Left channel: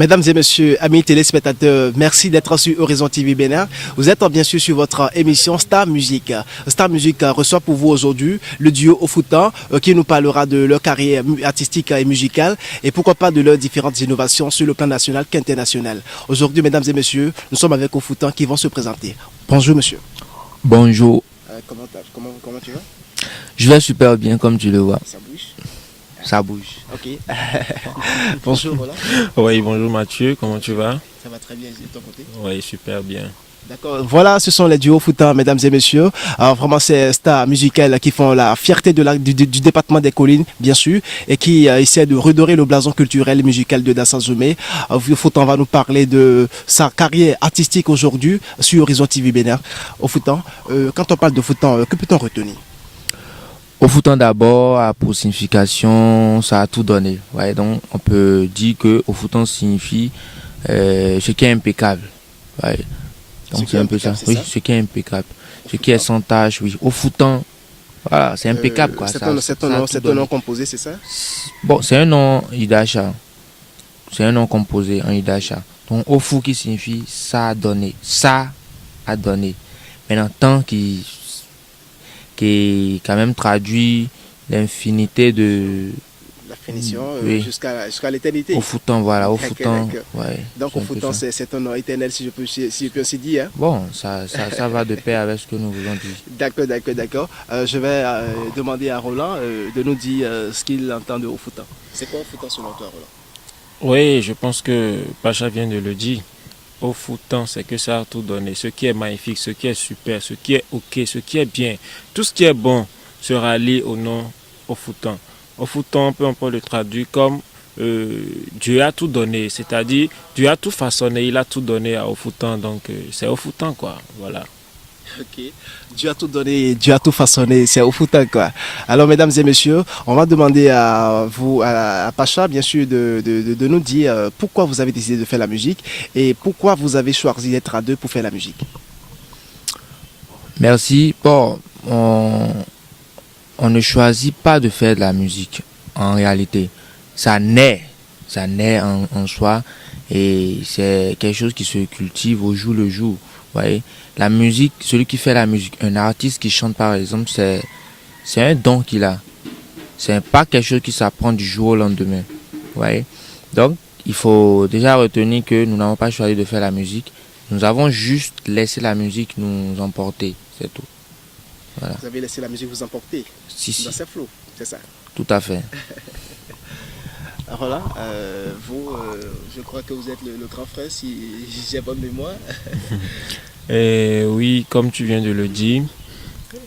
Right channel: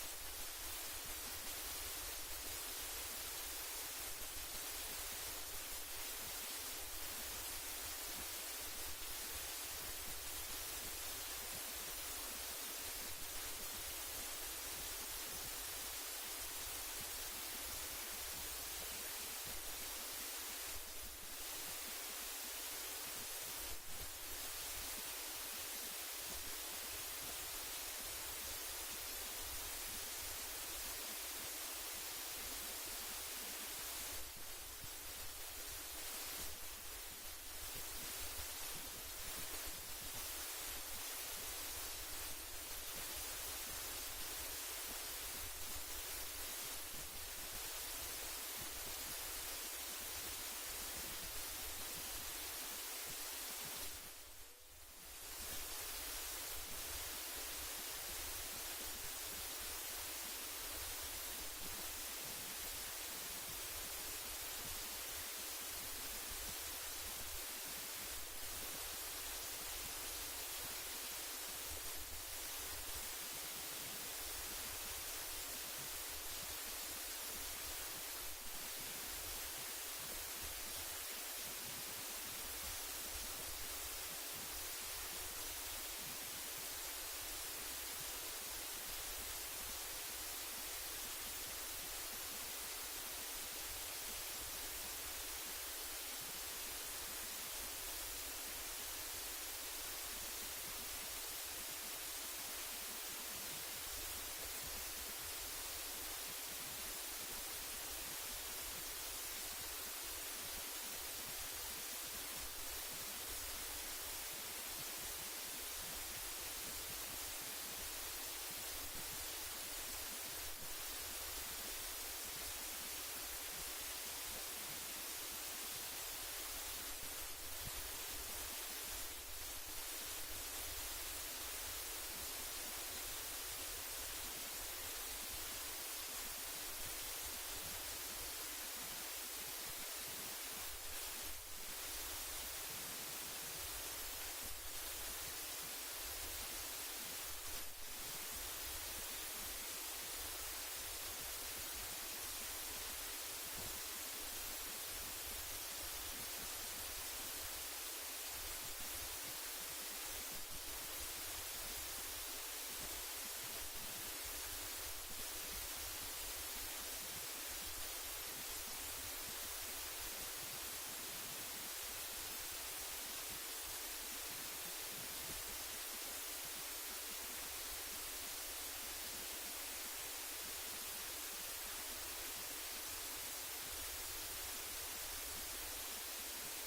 Mesdames et messieurs, amis téléspectateurs, merci d'être sur Horizon TV Bénin. Vous êtes bien sûr sur votre émission Star Music. Star Music reçoit pour vous aujourd'hui le duo Ofoutan qui nous parlera de leur carrière artistique et musicale et pourquoi pas de leurs différentes innovations sur le plan national qu'international. Aujourd'hui, mesdames et messieurs, nous sommes avec Ofoutan qui vont se présenter. Bonjour monsieur. Bonjour. Comment tu vas? Je vais super bien comme tu le vois. Ça bouge. Ça bouge. Ok. Bonjour Roland. Oui, bonjour Mathieu, comment tu vas? Ça va très bien de ton côté? Oui, super bien. D'accord. Voilà, ce sont les duos Foutan, mesdames et messieurs. Alors, vraiment, c'est stars musicales qui font la fierté du département des collines, bien sûr, et qui essaient de redorer le blason culturel et musical de Dassan Zoumé. Foutan va nous parler de sa carrière artistique aujourd'hui sur Horizon TV Bénin. Au Foutan, quand on parle de Foutan, que peut-on retenir? Ofoutan d'abord a pour signification, ça a tout donné. Ouais, donc on peut dire que Ofoutan signifie ce qui est impeccable. Ouais. Donc c'est un peu ça. Oui, ce qui est impeccable. Ce qui est sans tâche, oui. Ofoutan, voilà, c'est impeccable quoi. C'est un nom composé, c'est ça? Bon, c'est un nom Idacha. C'est un nom composé en Idacha. Donc Ofou qui signifie ça a donné. Ça a donné. Maintenant, tant qui quand même traduit l'infinité de la finition oui. jusqu'à l'éternité. Ofoutan, voilà, Ofoutan. Ouais, donc Ofoutan, c'est un nom éternel, si je peux ainsi dire. Hein? Bon, ça va de pair avec ce que nous voulons dire. D'accord. Je vais demander à Roland de nous dire ce qu'il entend de Ofoutan. C'est quoi Ofoutan selon toi, Roland? Oui, je pense que Pacha vient de le dire. Ofoutan, c'est que ça a tout donné. Ce qui est magnifique, ce qui est super, ce qui est ok, ce qui est bien. Tout ce qui est bon sera lié au nom Ofoutan. Ofoutan, on peut le traduire comme Dieu a tout donné. C'est-à-dire, Dieu a tout façonné, il a tout donné à Ofoutan. Donc, c'est Ofoutan, quoi. Voilà. Ok. Dieu a tout donné, Dieu a tout façonné, c'est au foutant quoi. Alors mesdames et messieurs, on va demander à vous, à Pacha bien sûr, de nous dire pourquoi vous avez décidé de faire la musique et pourquoi vous avez choisi d'être à deux pour faire la musique. Merci. Bon, on ne choisit pas de faire de la musique en réalité. Ça naît en soi et c'est quelque chose qui se cultive au jour le jour. Vous voyez? La musique, celui qui fait la musique, un artiste qui chante par exemple, c'est un don qu'il a. C'est pas quelque chose qui s'apprend du jour au lendemain. Vous voyez? Donc, il faut déjà retenir que nous n'avons pas choisi de faire la musique. Nous avons juste laissé la musique nous emporter. C'est tout. Voilà. Vous avez laissé la musique vous emporter dans ses flots, c'est ça? Tout à fait. Voilà, vous, je crois que vous êtes le grand frère, si j'ai bonne mémoire. Et oui, comme tu viens de le dire,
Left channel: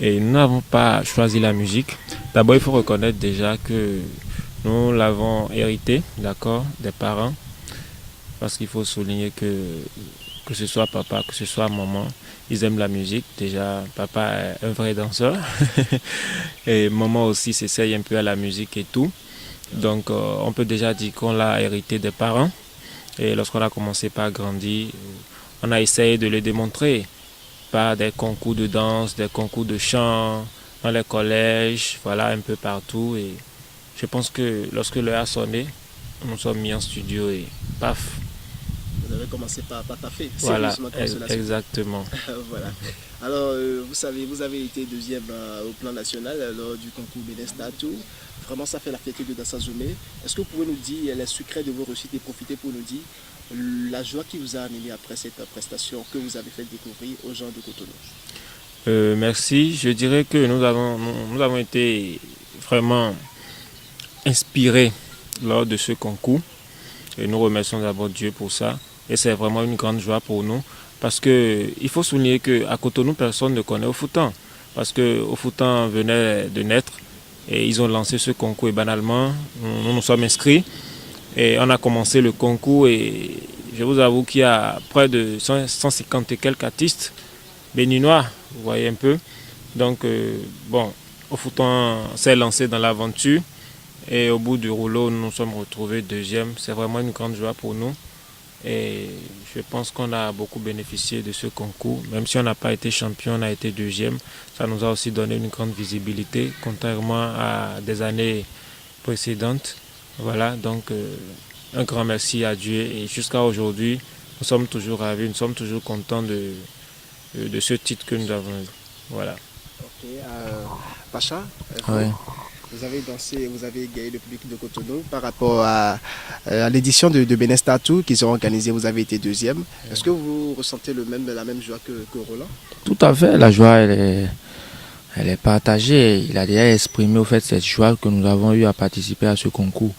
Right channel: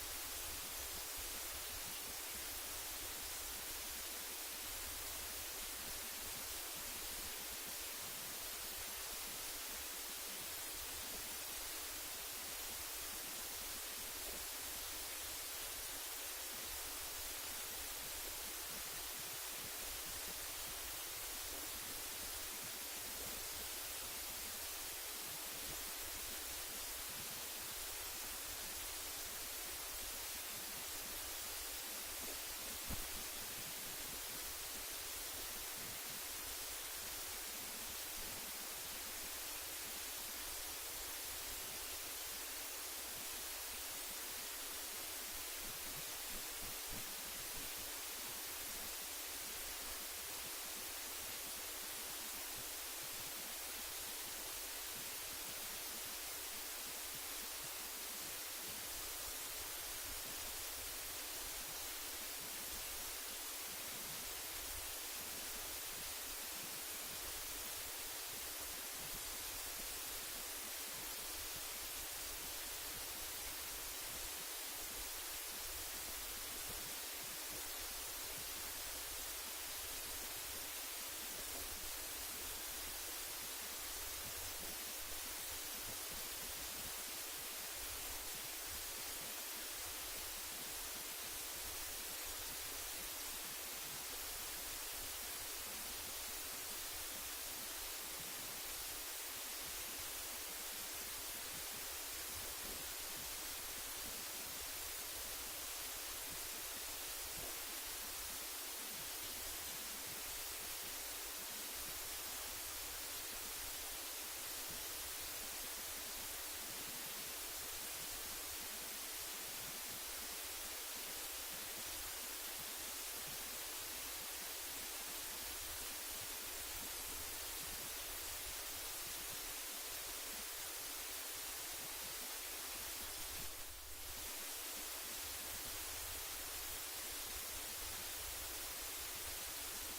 et nous n'avons pas choisi la musique. D'abord, il faut reconnaître déjà que nous l'avons hérité, d'accord, des parents. Parce qu'il faut souligner que ce soit papa, que ce soit maman, ils aiment la musique. Déjà, papa est un vrai danseur. Et maman aussi s'essaye un peu à la musique et tout. Donc, on peut déjà dire qu'on l'a hérité des parents. Et lorsqu'on a commencé par grandir, on a essayé de le démontrer par des concours de danse, des concours de chant, dans les collèges, voilà, un peu partout. Et je pense que lorsque l'heure a sonné, nous sommes mis en studio et paf. Vous avez commencé par taffer. Voilà, exactement. Voilà. Alors, vous savez, vous avez été deuxième au plan national lors du concours Bénin Tour. Vraiment, ça fait la fierté de Dassan Zoumé. Est-ce que vous pouvez nous dire les secrets de vos réussites et profiter pour nous dire la joie qui vous a amené après cette prestation que vous avez fait découvrir aux gens de Cotonou? Merci. Je dirais que nous avons été vraiment inspirés lors de ce concours. Et nous remercions d'abord Dieu pour ça. Et c'est vraiment une grande joie pour nous. Parce qu'il faut souligner qu'à Cotonou, personne ne connaît Ofoutan. Parce que Ofoutan venait de naître. Et ils ont lancé ce concours et banalement, nous nous sommes inscrits. Et on a commencé le concours et je vous avoue qu'il y a près de 150 et quelques artistes béninois, vous voyez un peu. Donc, Ofoutan s'est lancé dans l'aventure et au bout du rouleau, nous nous sommes retrouvés deuxième. C'est vraiment une grande joie pour nous et je pense qu'on a beaucoup bénéficié de ce concours. Même si on n'a pas été champion, on a été deuxième. Ça nous a aussi donné une grande visibilité, contrairement à des années précédentes. Voilà, donc un grand merci à Dieu. Et jusqu'à aujourd'hui, nous sommes toujours ravis, nous sommes toujours contents de ce titre que nous avons eu. Voilà. Ok, Pacha, Ouais. vous avez dansé, vous avez gagné le public de Cotonou par rapport à l'édition de Benes Tattoo qu'ils ont organisée. Vous avez été deuxième. Est-ce que vous ressentez la même joie que Roland? Tout à fait, la joie, elle est partagée. Il a déjà exprimé au fait cette joie que nous avons eu à participer à ce concours.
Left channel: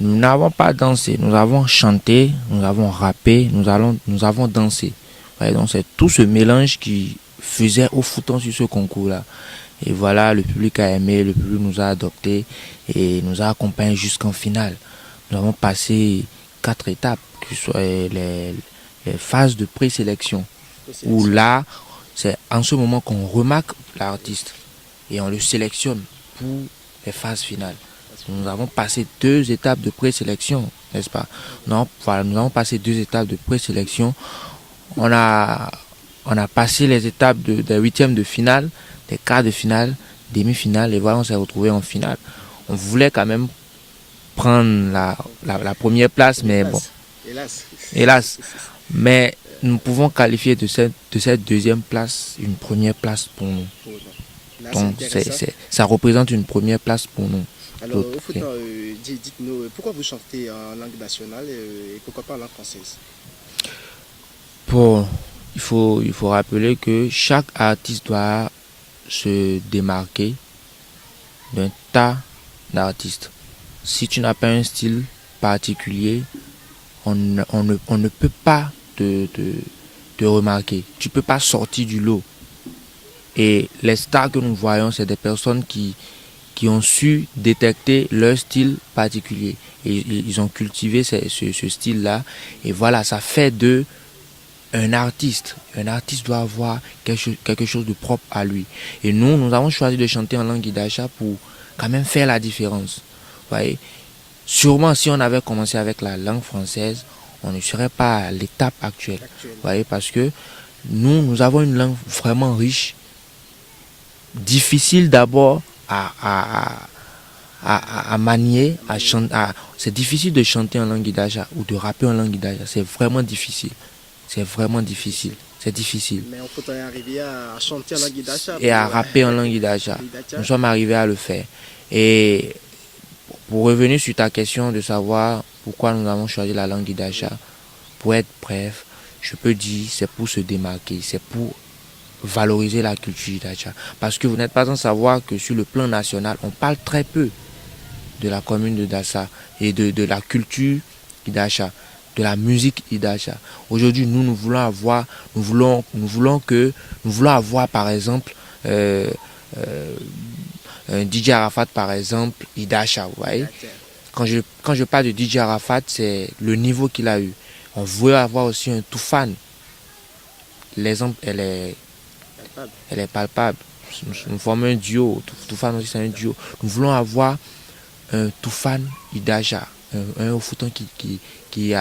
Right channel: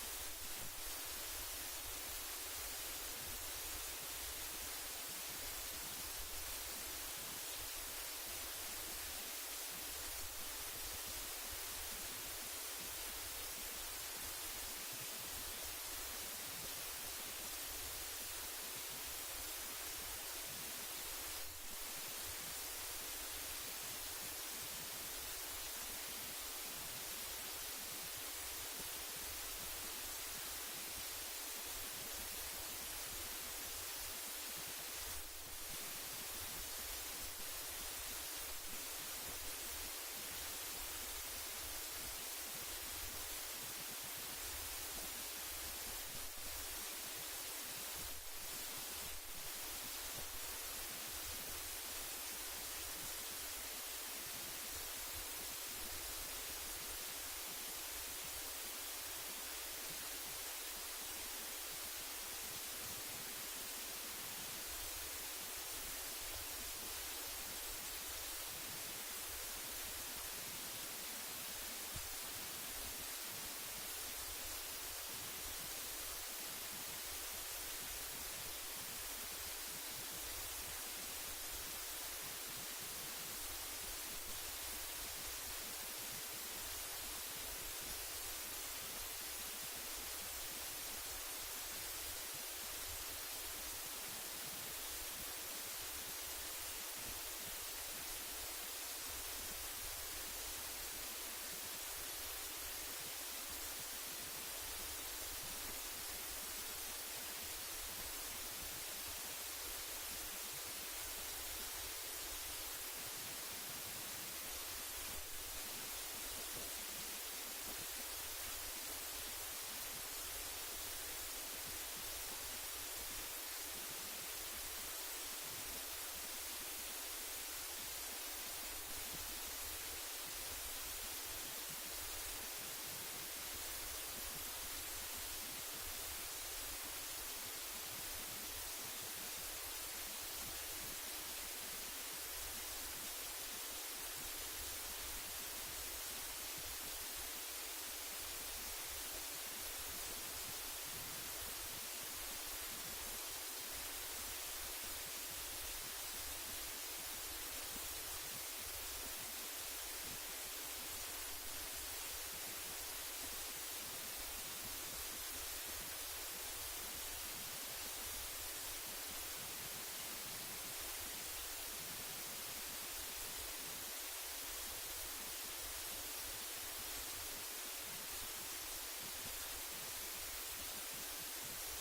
Nous n'avons pas dansé, nous avons chanté, nous avons rappé, nous avons dansé. Ouais, donc c'est tout ce mélange qui faisait au fouton sur ce concours-là. Et voilà, le public a aimé, le public nous a adoptés et nous a accompagnés jusqu'en finale. Nous avons passé 4 étapes, que ce soit les phases de présélection, où là, c'est en ce moment qu'on remarque l'artiste et on le sélectionne pour les phases finales. Nous avons passé 2 étapes de présélection, n'est-ce pas? Voilà, nous avons passé 2 étapes de présélection. On a passé les étapes des huitièmes de finale, des quarts de finale, demi-finale, et voilà, on s'est retrouvé en finale. On voulait quand même prendre la première place, mais bon, hélas. Mais nous pouvons qualifier de cette deuxième place une première place pour nous. Donc ça représente une première place pour nous. Alors, au foot, dites-nous, pourquoi vous chantez en langue nationale et pourquoi pas en langue française? Il faut rappeler que chaque artiste doit se démarquer d'un tas d'artistes. Si tu n'as pas un style particulier, on ne peut pas te remarquer. Tu ne peux pas sortir du lot. Et les stars que nous voyons, c'est des personnes qui ont su détecter leur style particulier. Et ils ont cultivé ce style-là. Et voilà, ça fait d'eux un artiste. Un artiste doit avoir quelque chose de propre à lui. Et nous avons choisi de chanter en langue Idacha pour quand même faire la différence. Vous voyez? Sûrement, si on avait commencé avec la langue française, on ne serait pas à l'étape actuelle. Vous voyez? Parce que nous avons une langue vraiment riche, difficile d'abord à manier, à chanter. C'est difficile de chanter en langue Idacha ou de rapper en langue Idacha. C'est vraiment difficile. C'est vraiment difficile. C'est difficile. Mais on peut arriver à chanter en langue Idacha. Et à rapper en langue Idacha. Nous sommes arrivés à le faire. Et pour revenir sur ta question de savoir pourquoi nous avons choisi la langue Idacha, pour être bref, je peux dire c'est pour se démarquer, c'est pour valoriser la culture Idacha. Parce que vous n'êtes pas sans savoir que sur le plan national, on parle très peu de la commune de Dassa et de la culture Idacha, de la musique Idacha. Aujourd'hui, nous voulons avoir, par exemple un DJ Arafat, par exemple, Idacha, vous voyez. Quand je parle de DJ Arafat, c'est le niveau qu'il a eu. On veut avoir aussi un Toufan. L'exemple, elle est palpable. Nous formons un duo. Toufan aussi, c'est un duo. Nous voulons avoir un Toufan Idacha, un Ofoutan qui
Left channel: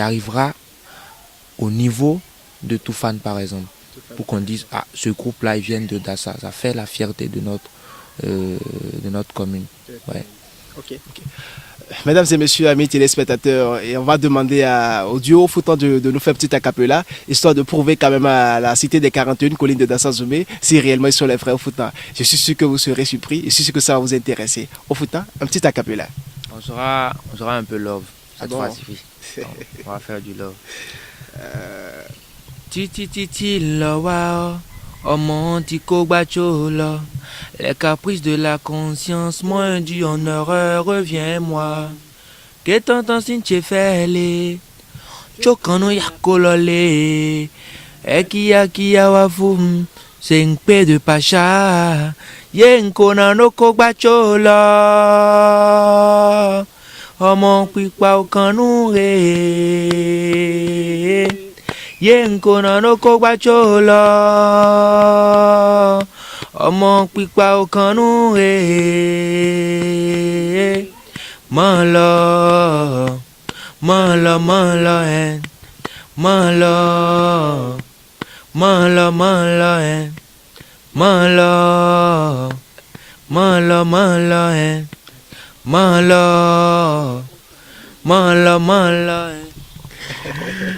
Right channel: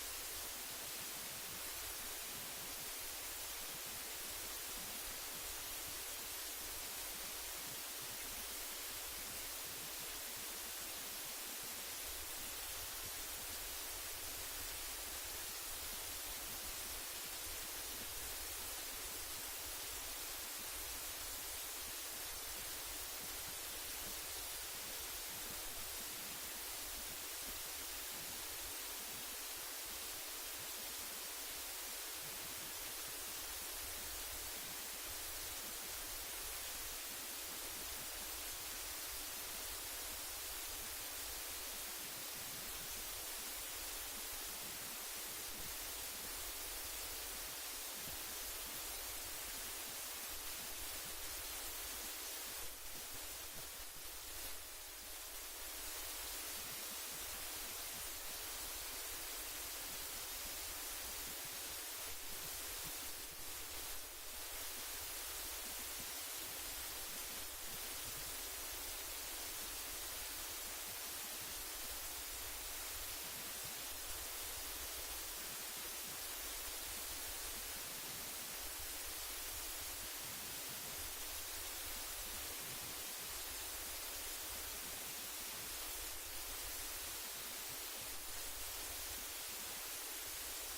arrivera au niveau de Toufan, par exemple. Pour qu'on dise, ah, ce groupe-là, ils viennent de Dassa. Ça fait la fierté de notre commune. Ouais. Ok. Mesdames et messieurs, amis téléspectateurs, et on va demander au duo Foutan de nous faire un petit acapella, histoire de prouver quand même à la cité des 41 collines de Dassa-Zoumé si réellement ils sont les frères Foutan. Je suis sûr que vous serez surpris, je suis sûr que ça va vous intéresser. Au Foutan, un petit acapella. On sera un peu love. Cette bon? fois-ci. On va faire du love. Titi love. Oh mon petit cobachola, les caprices de la conscience, moins du honneur, reviens-moi. Que t'entends si tu fais les chokano ya kolole, kia wafum, c'est un peu de pacha, yen konano cobachola, oh mon pipa au canoure. Yen konano kogbachola, ọmọ pípa okanu mọ lọ ẹ, mọ lọ ẹ, mọ lọ. Mala.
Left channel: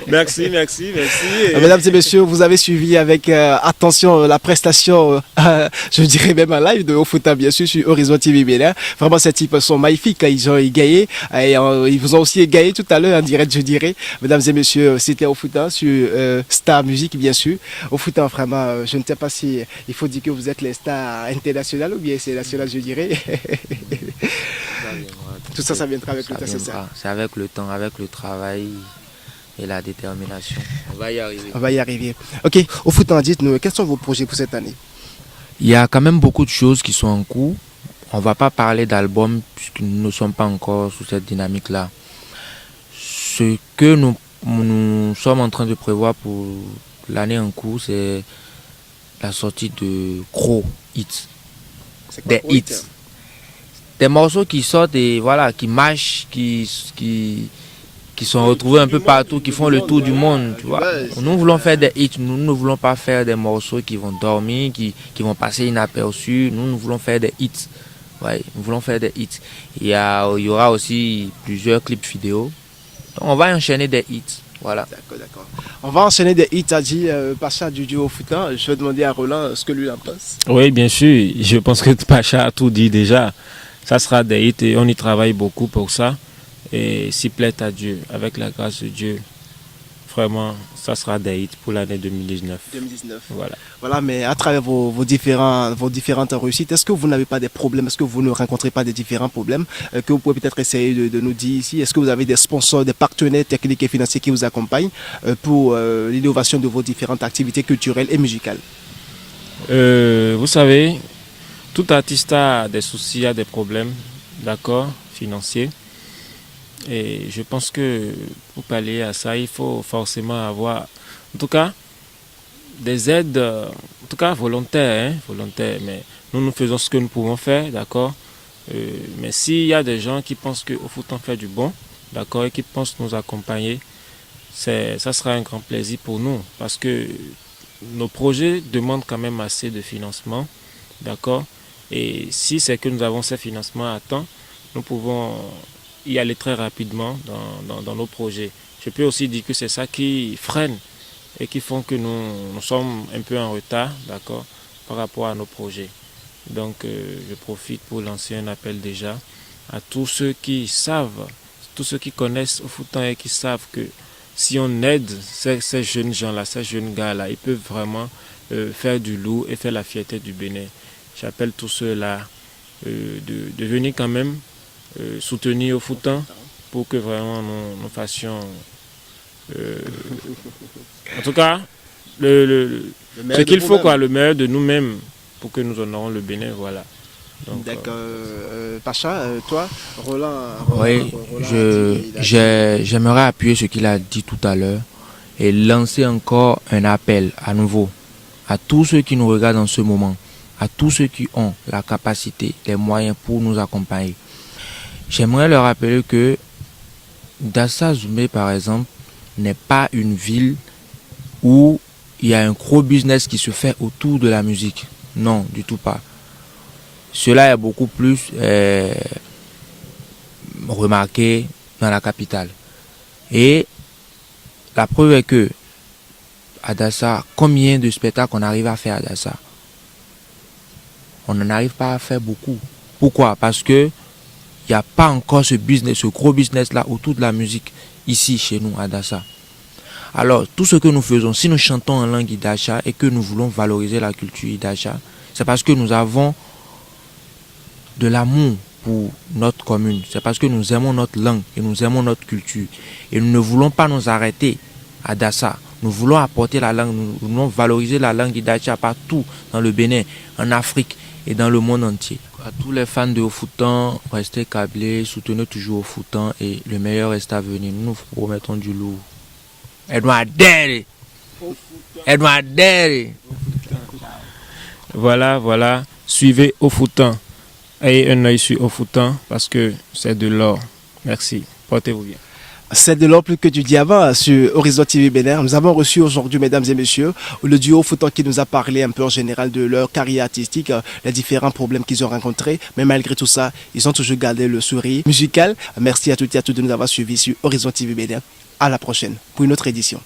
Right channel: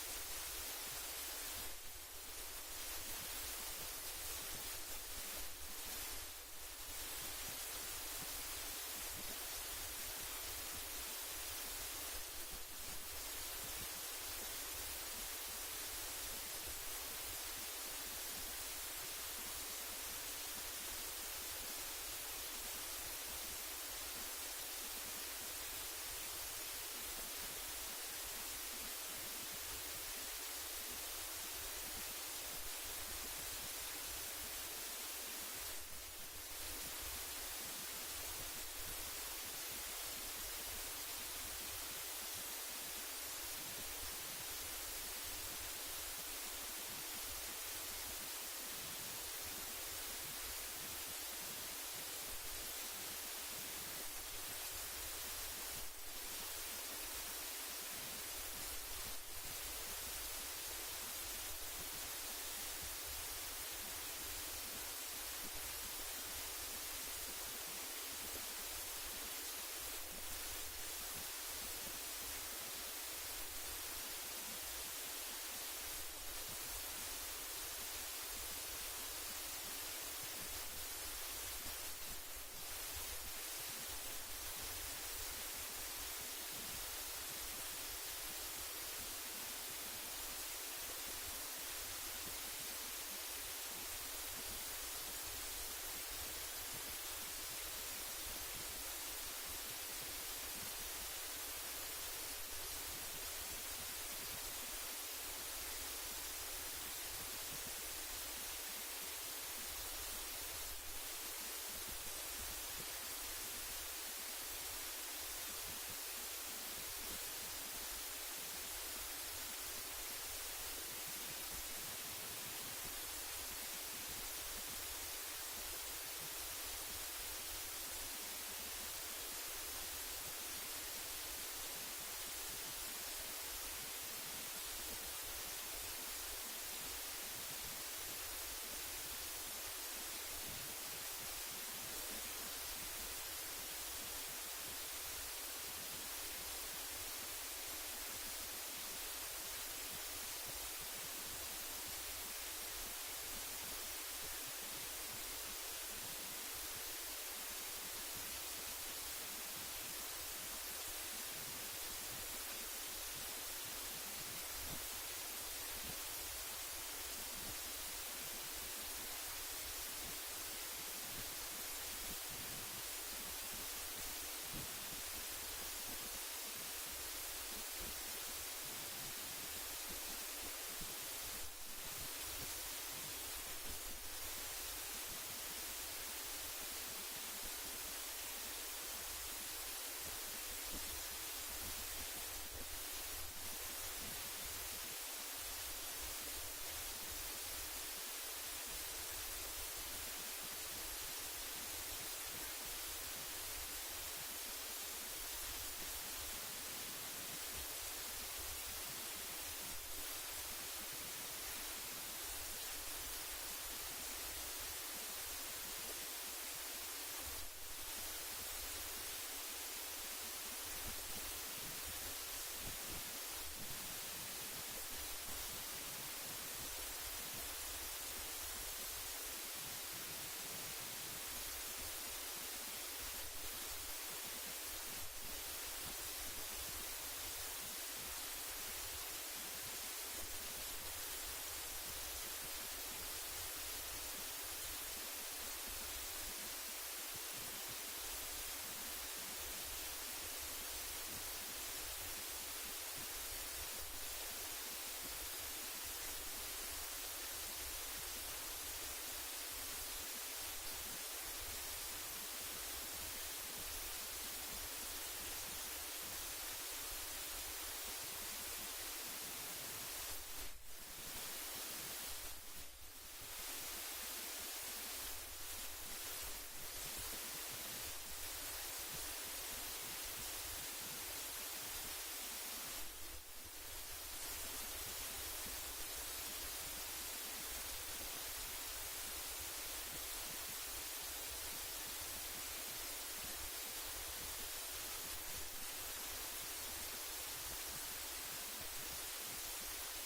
Merci, merci, merci. Mesdames et messieurs, vous avez suivi avec attention la prestation, je dirais même en live de Ofuta, bien sûr, sur Horizon TV Bénin. Vraiment, ces types sont magnifiques. Ils ont égayé. Et, ils vous ont aussi égayé tout à l'heure en direct, je dirais. Mesdames et messieurs, c'était Ofuta sur Star Music, bien sûr. Ofuta, vraiment, je ne sais pas si il faut dire que vous êtes les stars internationales ou bien c'est national, je dirais. Tout ça, ça viendra avec le temps, c'est ça. C'est avec le temps, avec le travail et la détermination. On va y arriver. On va y arriver. Ok, Ofuta, dites-nous, quels sont vos projets pour cette année? Il y a quand même beaucoup de choses qui sont en cours. On ne va pas parler d'album puisque nous ne sommes pas encore sous cette dynamique-là. Ce que nous sommes en train de prévoir pour l'année en cours, c'est la sortie de gros hits. Des hits. Des morceaux qui sortent et voilà, qui marchent, qui sont retrouvés un peu partout, qui font le tour du monde. Tu vois. Nous voulons faire des hits, nous ne voulons pas faire des morceaux qui vont dormir, qui vont passer inaperçus. Nous voulons faire des hits. Ouais, nous voulons faire des hits. Il y aura aussi plusieurs clips vidéo. Donc, on va enchaîner des hits. Voilà. D'accord. On va enchaîner des hits, a dit Pacha du duo Ofuta. Je vais demander à Roland ce que lui en pense. Oui, bien sûr. Je pense que Pacha a tout dit déjà. Ça sera des hits et on y travaille beaucoup pour ça. Et s'il plaît à Dieu, avec la grâce de Dieu, vraiment, ça sera des hits pour l'année 2019. Voilà, mais à travers vos différentes réussites, est-ce que vous n'avez pas des problèmes? Est-ce que vous ne rencontrez pas des différents problèmes que vous pouvez peut-être essayer de nous dire ici? Est-ce que vous avez des sponsors, des partenaires techniques et financiers qui vous accompagnent pour l'innovation de vos différentes activités culturelles et musicales? Vous savez, tout artiste a des soucis, a des problèmes, d'accord, financiers. Et je pense que pour pallier à ça, il faut forcément avoir, en tout cas, des aides, en tout cas volontaires, mais nous faisons ce que nous pouvons faire, d'accord. Mais s'il y a des gens qui pensent qu'au foot on fait du bon, d'accord, et qui pensent nous accompagner, ça sera un grand plaisir pour nous, parce que nos projets demandent quand même assez de financement, d'accord. Et si c'est que nous avons ces financements à temps, nous pouvons y aller très rapidement dans nos projets. Je peux aussi dire que c'est ça qui freine et qui font que nous sommes un peu en retard, d'accord, par rapport à nos projets. Donc je profite pour lancer un appel déjà à tous ceux qui savent, tous ceux qui connaissent Ofutan et qui savent que si on aide ces jeunes gens-là, ces jeunes gars-là, ils peuvent vraiment faire du lourd et faire la fierté du Bénin. J'appelle tous ceux-là de venir quand même soutenir Ofutan pour que vraiment nous fassions en tout cas ce qu'il faut, quoi, le meilleur de nous-mêmes pour que nous honorons le Bénin, voilà. D'accord. Pacha, toi, Roland. Oui, j'aimerais appuyer ce qu'il a dit tout à l'heure et lancer encore un appel à nouveau à tous ceux qui nous regardent en ce moment, à tous ceux qui ont la capacité, les moyens pour nous accompagner. J'aimerais leur rappeler que Dassa Zoumé, par exemple, n'est pas une ville où il y a un gros business qui se fait autour de la musique. Non, du tout pas. Cela est beaucoup plus remarqué dans la capitale. Et la preuve est que à Dassa, combien de spectacles on arrive à faire à Dassa? On n'en arrive pas à faire beaucoup. Pourquoi? Parce que il n'y a pas encore ce business, ce gros business-là autour de la musique ici chez nous à Dassa. Alors, tout ce que nous faisons, si nous chantons en langue Idacha et que nous voulons valoriser la culture Idacha, c'est parce que nous avons de l'amour pour notre commune. C'est parce que nous aimons notre langue et nous aimons notre culture. Et nous ne voulons pas nous arrêter à Dassa. Nous voulons apporter la langue, nous voulons valoriser la langue Idacha partout dans le Bénin, en Afrique et dans le monde entier. À tous les fans de Ofutan, restez câblés, soutenez toujours Ofutan et le meilleur reste à venir. Nous nous promettons du lourd. Edouard Derry. Edouard Derry. Voilà. Suivez Ofutan. Ayez un œil sur Ofutan parce que c'est de l'or. Merci. Portez-vous bien. C'est de l'or plus que du diamant sur Horizon TV Bénin. Nous avons reçu aujourd'hui, mesdames et messieurs, le duo Foutan qui nous a parlé un peu en général de leur carrière artistique, les différents problèmes qu'ils ont rencontrés. Mais malgré tout ça, ils ont toujours gardé le sourire musical. Merci à toutes et à tous de nous avoir suivis sur Horizon TV Bénin. À la prochaine pour une autre édition.